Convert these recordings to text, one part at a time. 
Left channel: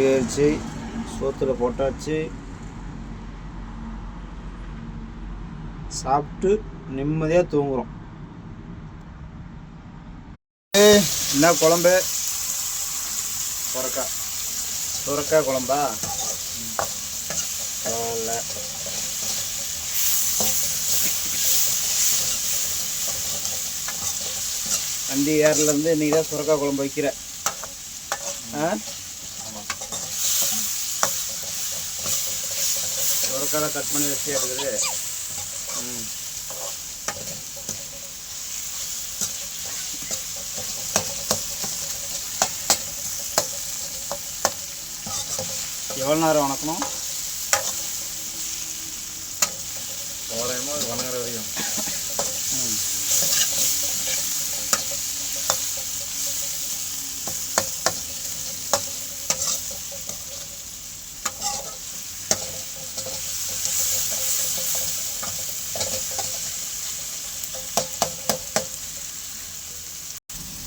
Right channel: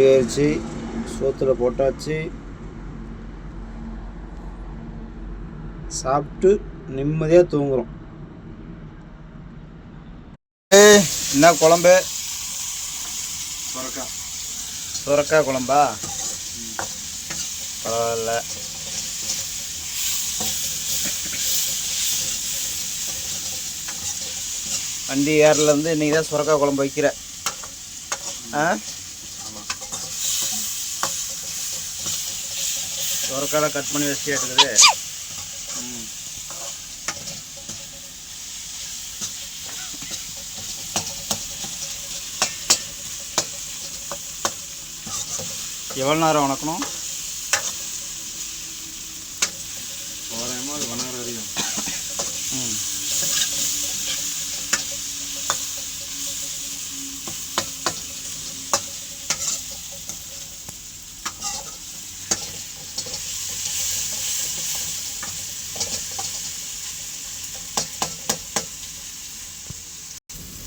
ஏறிச்சு சோத்துல போட்டாச்சு. சாப்பிட்டு நிம்மதியாக தூங்குறோம். என்ன குழம்பு? சுரக்கா. சுரக்காய் குழம்பா? பரவாயில்ல. வண்டி ஏர்லேருந்து இன்றைக்கி தான் சுரக்காய் குழம்பு வைக்கிற. ஆ? சுரக்காய் கட் பண்ணி வச்சு இருக்குது. எவ்வளோ நேரம் வணக்கணும் தோராயமாக ஒரு மணி நேரம் வரையும் ம்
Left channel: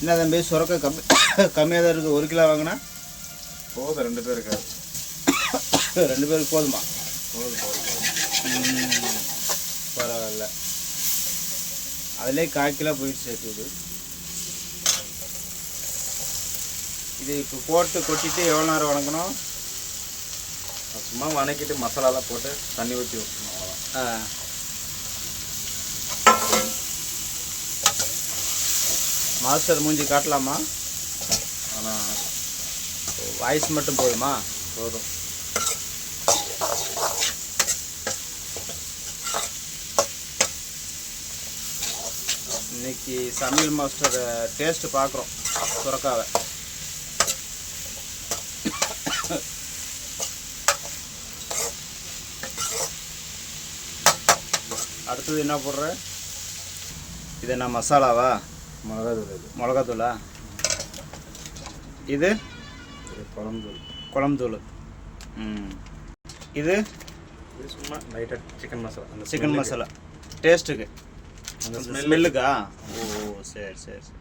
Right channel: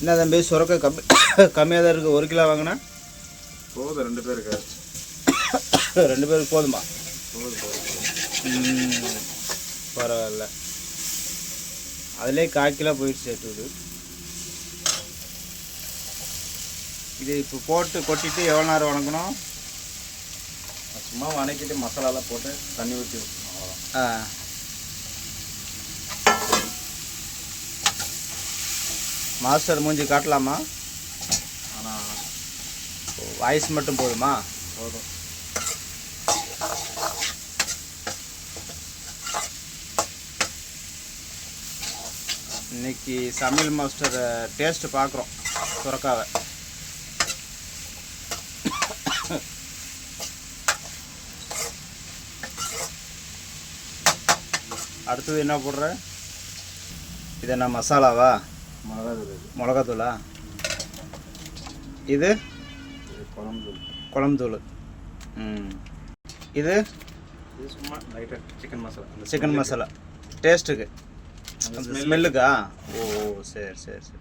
என்ன தம்பி சுரக்காய் கம்மி கம்மியாக தான் இருக்குது ஒரு கிலோ வாங்கினா? போதும் ரெண்டு பேருக்கு. ரெண்டு பேருக்கு போதுமா? போதும் பரவாயில்ல. அதிலே கால் கிலோ போயிடுச்சு சேர்த்துது இது. இப்போ போட்டு கொட்டிட்டு எவ்வளோ நேரம் வணக்கணும் சும்மா வணக்கிட்டு மசாலாலாம் போட்டு தண்ணி ஊற்றி அவ்வளோதான் ஆ. மாஸ்டர் மூஞ்சி காட்டலாமா? வாய்ஸ் மட்டும் போதுமா? போதும். இன்னைக்கு சமையல் மாஸ்டர் டேஸ்ட் பார்க்குறோம் சுரக்காவை. அடுத்தது என்ன போடுற? இது என்ன மசாலாவா? மிளகா தூள் இது. மிளகாத்தூளா? இது? குழம்பு தூள். குழம்பு தூள் ம். இது? சும்மா லைட்டாக சிக்கன் மசாலா அந்த சிக்கன் மசாலா டேஸ்ட்டுக்கு ஸ்மெல்லுக்கா ஓ சரி சரி சரி.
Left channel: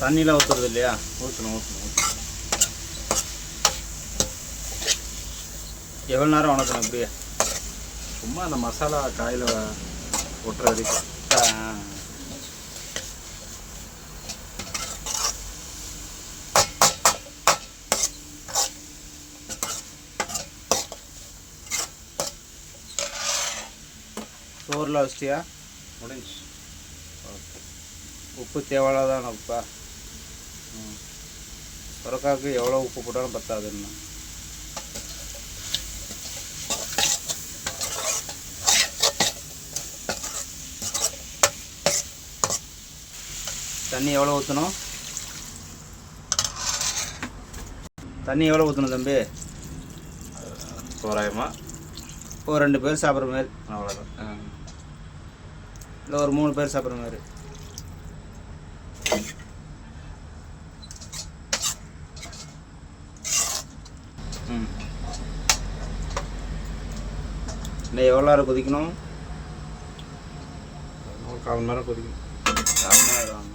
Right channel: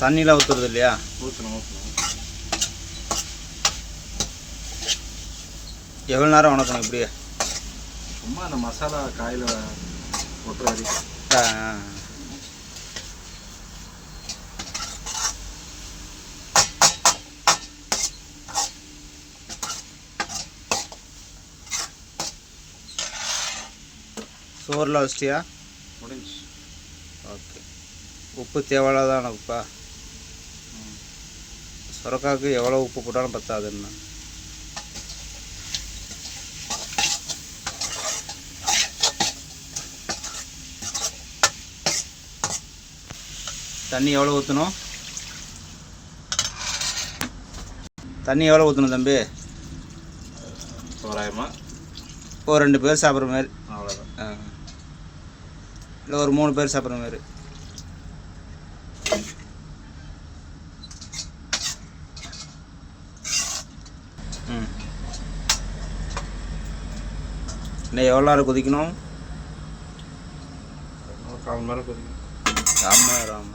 தண்ணிலாம் ஊற்றுறது இல்லையா? ஊற்றணும் ஊற்றணும் எவ்வளோ நேரம் வணக்கணும் இப்படியே? சும்மா அந்த மசாலா காயில் ஒட்டுற வரைக்கும் ஆ, சோறில் வச்சிட்டியா? முடிஞ்சு ஓகே. உப்பு தேவையில்லாதான உப்பா? சுரக்காவுக்கு எவ்வளோ உப்பு போட்டாலும் பத்தாதுன்னா? தண்ணி எவ்வளோ ஊற்றணும் தண்ணி எவ்வளோ ஊற்றணும் தம்பி? தோராயமாக ஒரு ரெண்டு பேர் சாப்பிட்ற மாதிரி. அவ்வளோதான் இல்லை ஒரு மூணு பேர் சாப்பிட்ற மாதிரி. ம். இன்னும் எவ்வளோ நேரம் கொதிக்கணும்? ஒரு கால் மணி நேரம்